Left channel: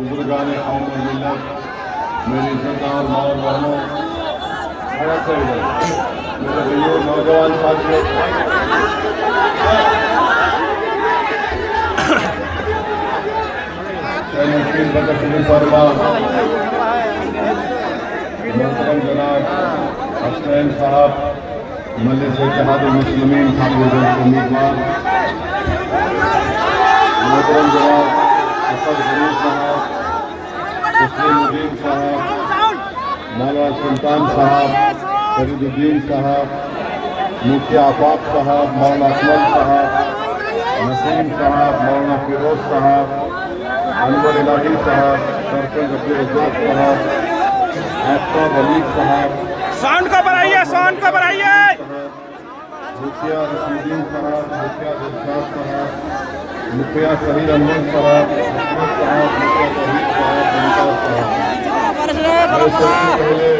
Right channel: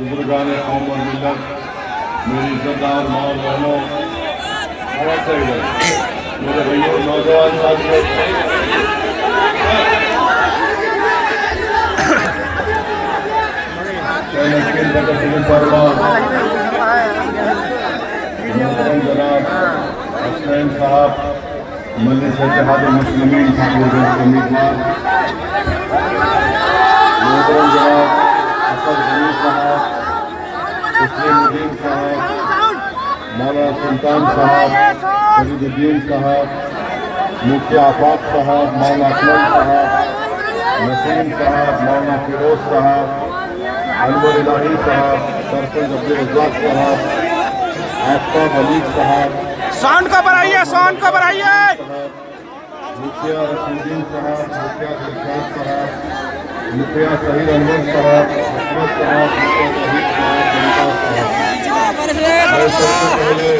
बुजुर्गान कौम और मिल्लत, मेरी इज्जतदार माँ और बहनों, आवाज़ से इधर मेरे भैया नौजवान साथियों, मुस्लिम प्रगतिशील परिवार मोहतरम जनाब हसनैन साहब मजलिस इत्तेहाद मुस्लिमीन ठाकुर उम्मीदवार, मोहतरम जनाब असद गनी साहब, तस्लीमुद्दीन साहब, मौलाना सुल्तान साहब, फरीदुद्दीन साहब, मुफ्ती आफाक साहब, मौलाना अकमल साहब, नसीम साहब, मौलाना फिरोज साहब, अनवर इलाही साहब, सरपंच अब्दुल रज़ाक साहब, आफ्ताब अली साहब, साउंड को बढ़ाइए, साउंड को बढ़ाइए, मुखिया रशीदीन साहब, मुखिया दिलशाद साहब, मुखिया शहीद अनवर साहब, हसरत साहब, मुखिया शहीद साहब, मुमताज साहब। सबसे पहले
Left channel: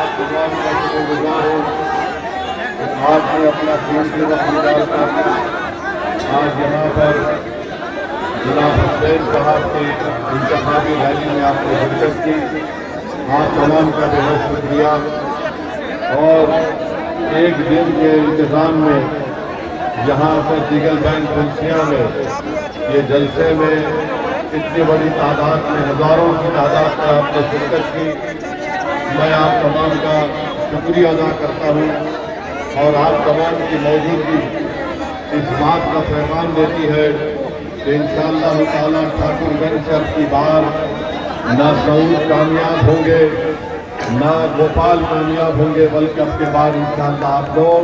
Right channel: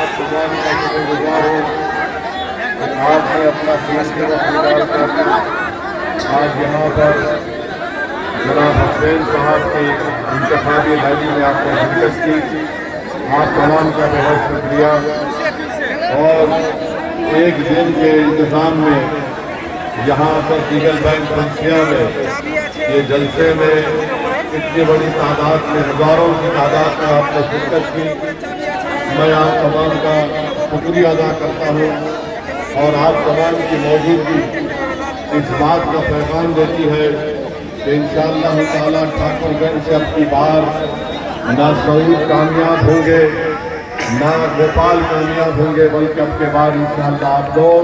आप तमाम का शुक्रगुजार हूँ कि आपने अपना कीमती वक्त निकाल कर आज यहाँ पर जनाब हुसैन साहब की इंतखाबी रैली में आपने शिरकत की। आप तमाम का बहुत शुक्रिया। और एक दिन के इंतजाम में यहाँ पर दीगल बैंक फंसिया में ये जलसे में इतनी बड़ी तादाद में, हजारों की तादाद में आपने शिरकत की। मैं आप तमाम का शुक्रिया अदा करता हूँ। और आप तमाम की मौजूदगी इस बात का पैगाम देती है कि इंशाअल्लाह ताला ठाकुरगंज से अब की बार ना सऊद कामयाब होंगे, ना गोपाल कामयाब होंगे, बल्कि अब के बाद इंशाअल्लाह आप लोग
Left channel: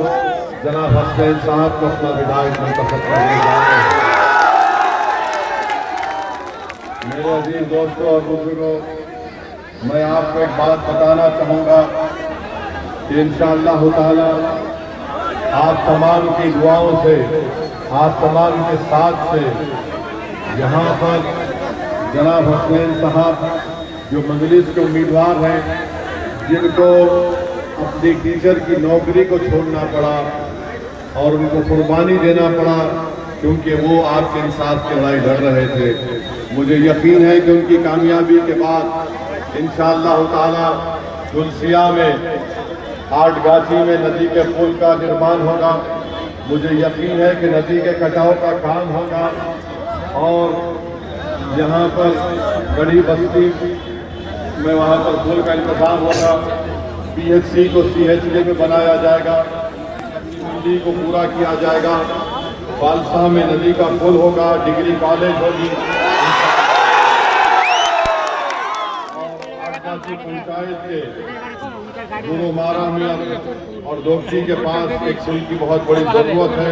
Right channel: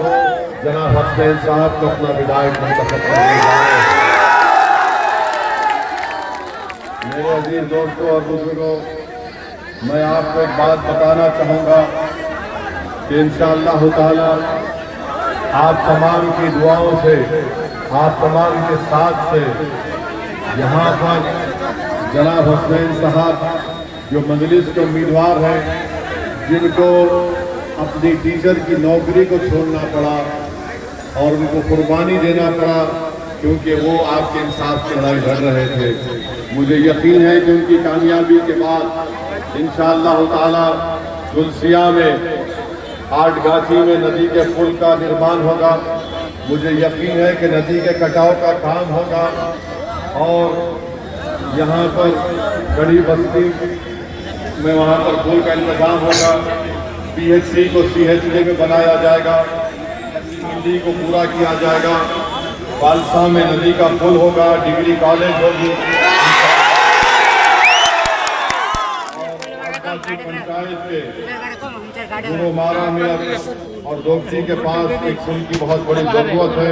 जनाब हसनैन साहब को अपना विधायक मुंतखब करने जा रहे हैं। मेरे अजीज दोस्तों और बुजुर्गों, मैं आपको एक बात बताना चाहूँगा कि इंशाअल्लाह ताला आप तमाम की दुआओं से, आप तमाम के साथ से यहाँ पर जनाब हसनैन साहब जो मजलिस के उम्मीदवार हैं, जिनको अपनी टीचर की नौकरी को छोड़ना पड़ा और उनको कुर्बानी देना पड़ा क्योंकि वो आपके इंसाफ की लड़ाई लड़ रहे थे, मुझे यकीन है कि उनकी कामयाबी के बाद इंशाअल्लाह ताला तुलसिया में आठगाछी में नदी के पुल का निर्माण होगा। मुझे यकीन है कि नदी के कटाव का काम होगा और यहाँ पर बड़ी बस्ती में वहाँ पर पुल का इंतजाम होगा। PHC को CHD में बनाया जाएगा, मंडी को पूरा किया जाएगा, बालसा में नदी का पुल होगा, डिग्री कॉलेज होगी, पंचायत के गुरुमारा में और दोपची के पास एक पुल की बहुत बड़ी जरूरत है।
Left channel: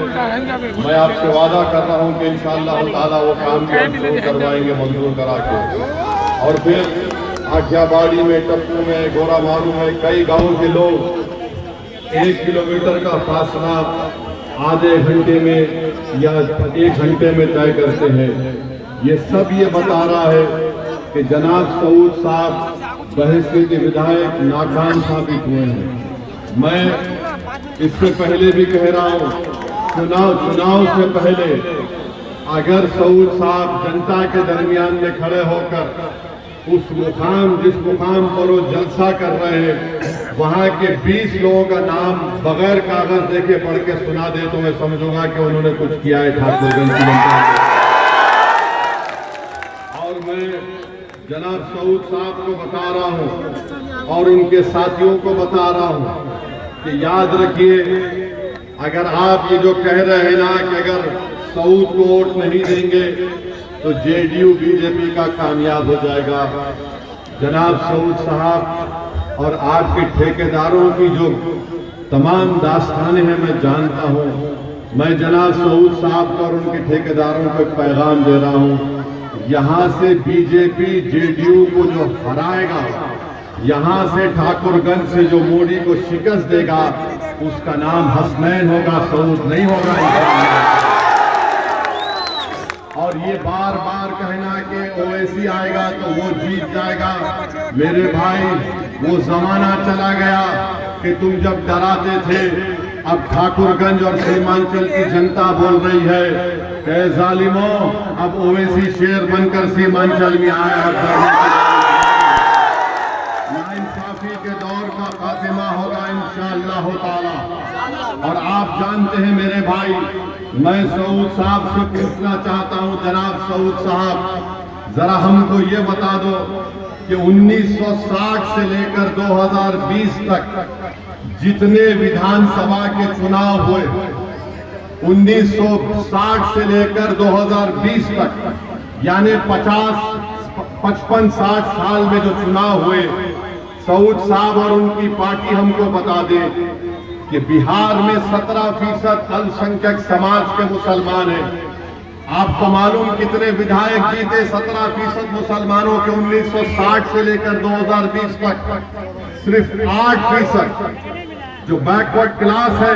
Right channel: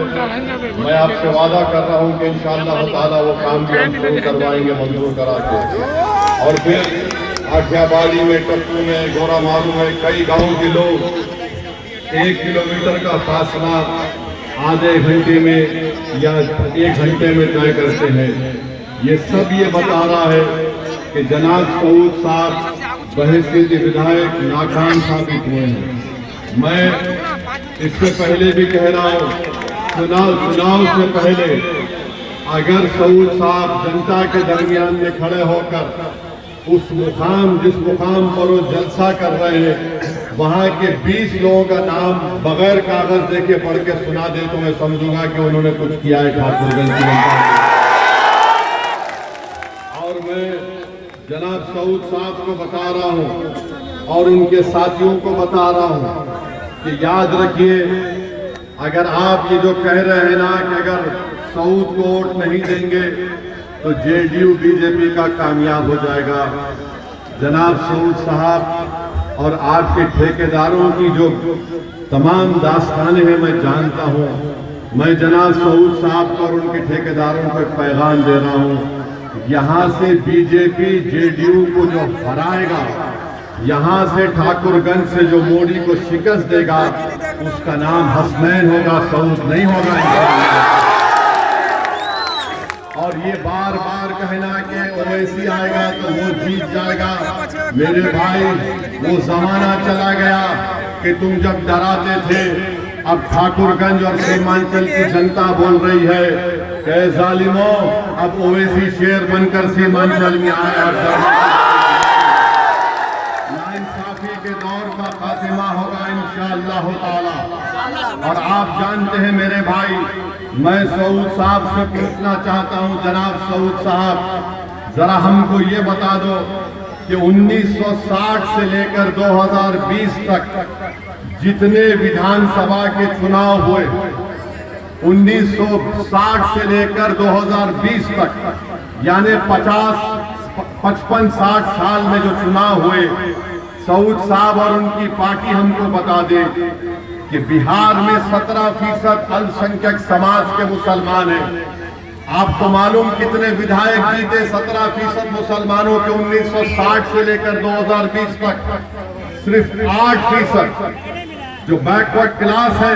मैं आपसे वादा कर रहा हूँ कि इंशाअल्लाह ताला वो काम भी हम शुरू करवाएंगे मंजूर करा के। और फिर आठियाबाड़ी में, टप्पू में, गोरा मारू में कई गाँव के लोग 1 किलोमीटर का फासला आधे घंटे में या 1 घंटे में तय करते हैं। ये सब ये बता रहा है कि जनाब सऊद साहब बहसीत विधायक नाकाम साबित हुए हैं। मैं इससे पहले भी कह रहा हूँ, चुनाव से पहले अगर सऊद साहब जनता के दरमियान में खड़े होकर उस मुकाम, जिस मुकाम पर वो जलसा कर रहे हैं, वहाँ के 20 लोगों का नाम बगैर कागज देके पढ़ के सुना दे तो मैं समझूंगा कि उन्होंने कुछ किया है ठाकुरगंज की जनता को। और मैं जनाब सऊद साहब को बता रहा हूँ और उनके साथियों को बता रहा हूँ कि याद रखिए, अगर आप ये जो कह रहे हैं ना कि अगर सऊद को वोट नहीं देंगे तो JDU BJP का कामयाब हो जाएगा। जनाब सऊद साहब और आज के ठेकेदारों की जो तमाम दास्तानें हैं मैं जानता हूँ। मैं जनाब सऊद साहब को और उनके ठेकेदारों को पैगाम दे रहा हूँ, यहाँ से BJP JDU को जो हराएगा, यहाँ से ठाकुरगंज से जो मोदी को शिकस्त देगा, उसका नाम हसनैन होगा, सऊद नहीं होगा। और ये बार बार कहना कि ओवैसी आएगा तो वो जीत जाएगा, मेरे भाई वो जमाना चला गया कि तुम जब डराते थे अब ठाकुरगंज और सीमांचल की जनता बोल रही है कि जालिमों, अब ओवैसी शेर बनकर सीमांचल में आया। नाइंसाफी के दौर का खात्मा होगा इंशाअल्लाह ताला। और आप जानते हैं मेरे भाई, मैं सऊद साहब से पूछना चाहता हूं, जनाब सऊद साहब, जरा हमको ये बता दो कि 1960 से लेकर 2020 तक जितने विधानसभा के चुनाव हुए, 1960 से लेकर 2020 तक, यानी 55-60 साल में जो चुनाव हुए, सऊद साहब और उनकी पार्टी हमको बता दे कि बिहार में 17% अल्पसंख्यक समाज के मुसलमान हैं। आपको मालूम कितने विधायक जीते 17% मुसलमानों के 1960 से लेकर 2020 तक? सिर्फ 8%। जो बैकवर्ड क्लास है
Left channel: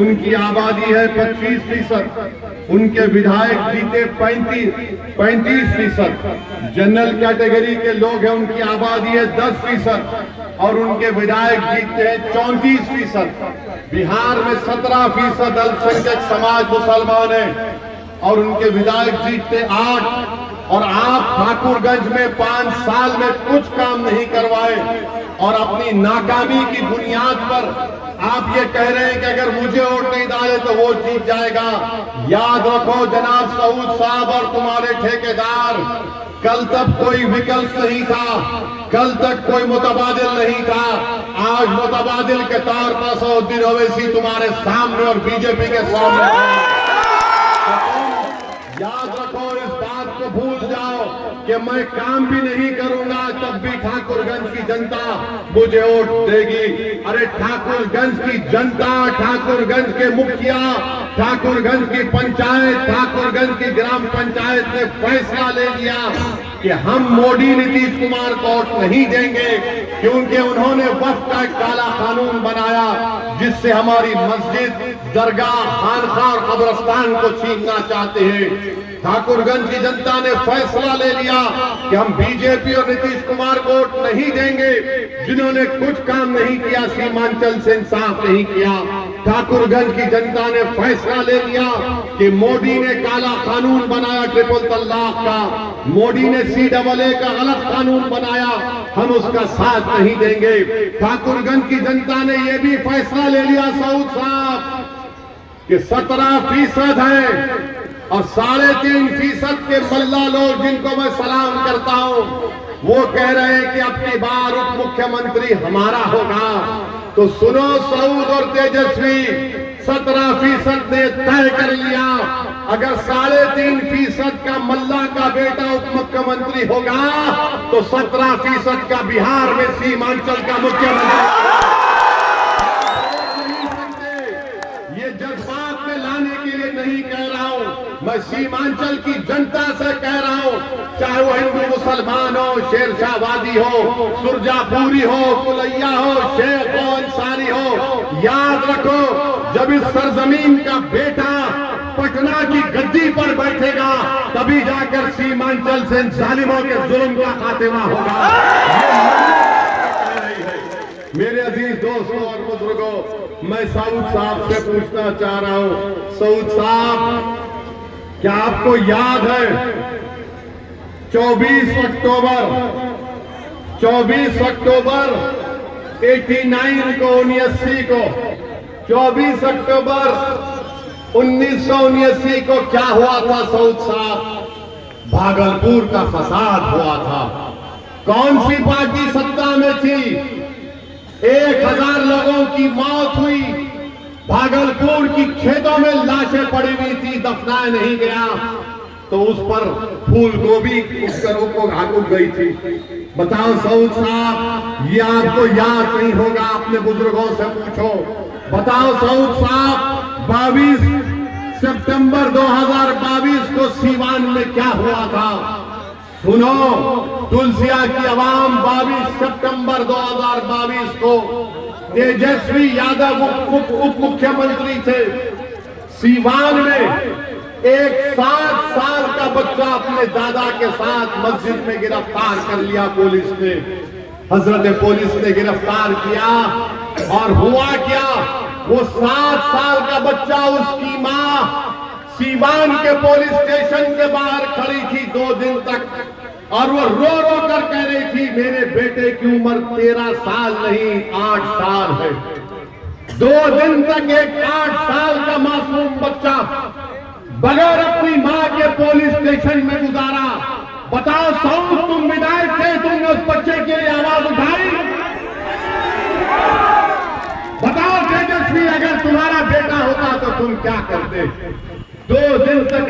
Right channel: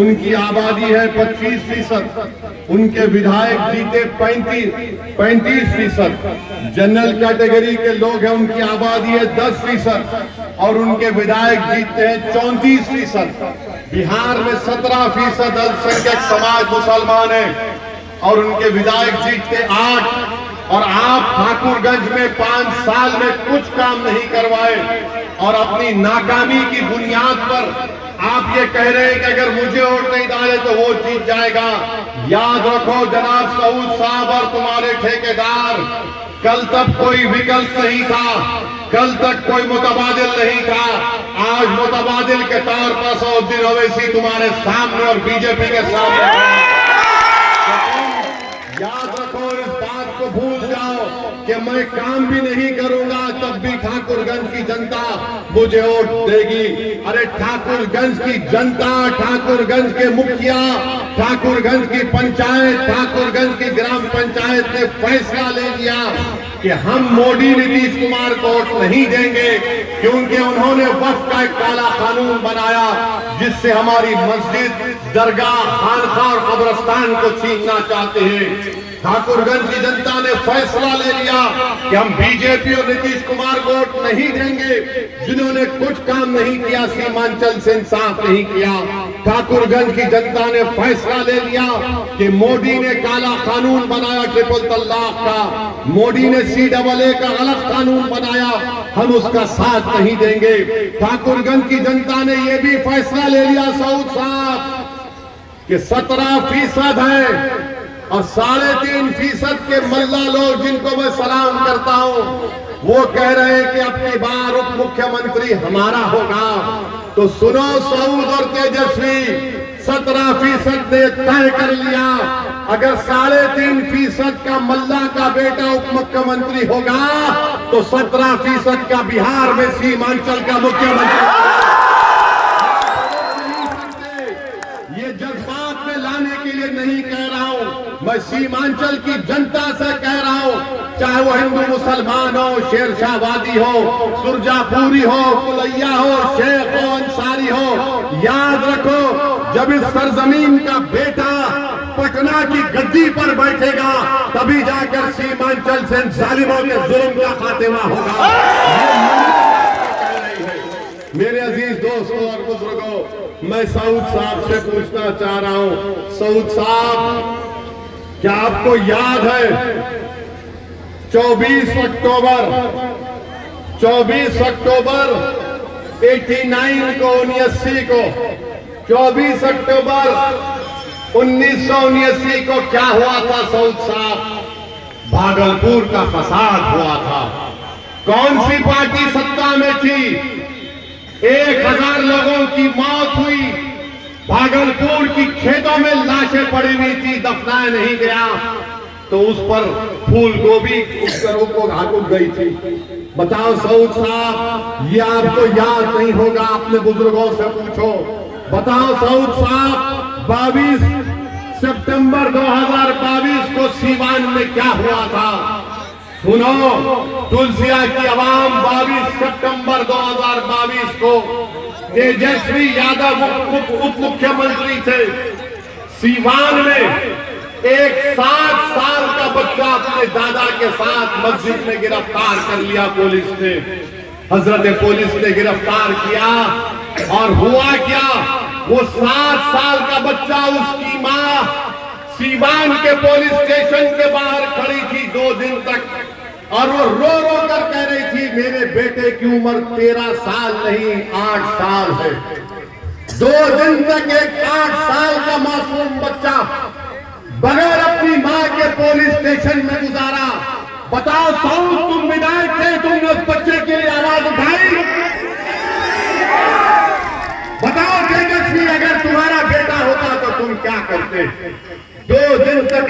उनकी आबादी है 25%, उनके विधायक जीते 35%। जनरल कैटेगरी के लोग हैं, उनकी आबादी है 10% और उनके विधायक जीतते हैं 34%। बिहार में 17% अल्पसंख्यक समाज मुसलमान है और उनके विधायक जीतते 8। और आप ठाकुरगंज में 5 साल में कुछ काम नहीं करवाए और अपनी नाकामी की बुनियाद पर आप ये कह रहे हैं कि अगर मुझे वोट नहीं डाले तो वो जीत जाएगा। याद रखो जनाब सऊद साहब और तुम्हारे ठेकेदार, कल तक कोई विकल्प नहीं था, कल तक कोई मुतबादिल नहीं था। आज मुतबादिल के तौर पर सऊद्दीन ओवैसी तुम्हारे सामने और बीजेपी के सामने। याद रखो, इस बात को भूल जाओ कि मैं काम भी नहीं करूंगा तब भी ठाकुरगंज की जनता मुझे वोट देगी। अरे ठाकुरगंज की जनता, ठाकुरगंज के मुखिया, ठाकुरगंज की पंचायत, ठाकुरगंज की ग्राम पंचायत ने फैसला ले लिया कि हम मोदी नीतीश कुमार को वोट नहीं देंगे, क्योंकि उन्होंने वक्फ का एक काला कानून बनाया जिससे हमारी मस्जिद, दरगाह, खानका और कब्रिस्तान को छीनना चाहते हैं। ठाकुरगंज की जनता ने फैसला ले लिया कि हम बीजेपी और नीतीश कुमार को वोट नहीं देंगे, जिन्होंने कुछ काम नहीं किया, सीमांचल से इंसाफ नहीं किया। ठाकुरगंज की जनता ने फैसला ले लिया कि मोदी ने काला कानून बनाया ट्रिपल तलाक का, मोदी ने CAA का अलग कानून बनाया, हम उसका साथ नहीं देंगे। ठाकुरगंज की जनता ने यह भी फैसला ले लिया सऊद साहब कि 17% है और 3.5% के मल्ला लोग, जिनको मैं सलाम करता हूं, वो कह रहे हैं कि अब की बार उप मुख्यमंत्री हमारा होगा। तो सुनो सऊद और तेजस्वी, 17% ने तय कर लिया, अगर 3.5% का मल्ला का बेटा उप मुख्यमंत्री होगा तो 17% का बिहार में सीमांचल का मुख्यमंत्री। ये जज्बात में लाने के लिए नहीं कह रहा हूं, मैं सीमांचल की जनता से कह रहा हूं, चाहे वो हिंदू मुसलमान हो, शेरशाहवादी हो, सुरजापुरी हो, कुलैया हो, शेख हो, अंसारी हो, याद रखो जब इस सरजमीन का बेटा पटना की गद्दी पर बैठेगा तभी जाकर सीमांचल से जालिमों के जुल्म का खात्मा होगा। मेरे अजीज दोस्तों और बुजुर्गों, मैं सऊद साहब से पूछना चाह रहा हूं, सऊद साहब, क्या आपको याद है 24 अक्टूबर 89 को 79 को 24 अक्टूबर 1979 को क्या हुआ था सऊद साहब? भागलपुर का फसाद हुआ था। कौन सी पार्टी सत्ता में थी? 1000 लोगों की मौत हुई, भागलपुर की खेतों में लाशें पड़ी हुई थी, दफनाया नहीं गया, तो उस पर फूल गोभी को घाट गई थी। बताओ सऊद साहब, ये आपको याद नहीं होगा? अपने बुजुर्गों से पूछो। बताओ सऊद साहब, 22 सितंबर 2022 को सीवान में क्या हुआ था? सुनो, तुलसिया की आवाम 22 सितंबर 2022 को तेजस्वी यादव उप मुख्यमंत्री थे। सीवान में एक 60 साल का बच्चा अपने दादा के साथ मस्जिद में गिरफ्तार कर लिया पुलिस ने। हजरत पुलिस ने गिरफ्तार किया, और हुआ क्या, वो 7 साल का बच्चा, उसकी मां सीवान के पुलिस स्टेशन के बाहर खड़ी थी 2 दिन तक, और वो रो रो कर कह रही थी मेरे बेटे की उम्र 13 साल नहीं 8 साल है। 2 दिन तक एक 8 साल का मासूम बच्चा बगैर अपनी मां के पुलिस स्टेशन में गुजारा। बताओ साउंड, तुम विधायक थे, तुमने उस बच्चे के लिए आवाज उठाई? बताओ तेजस्वी, अगर तुम्हारा बेटा होता तो तुम क्या करते? 2 दिन तक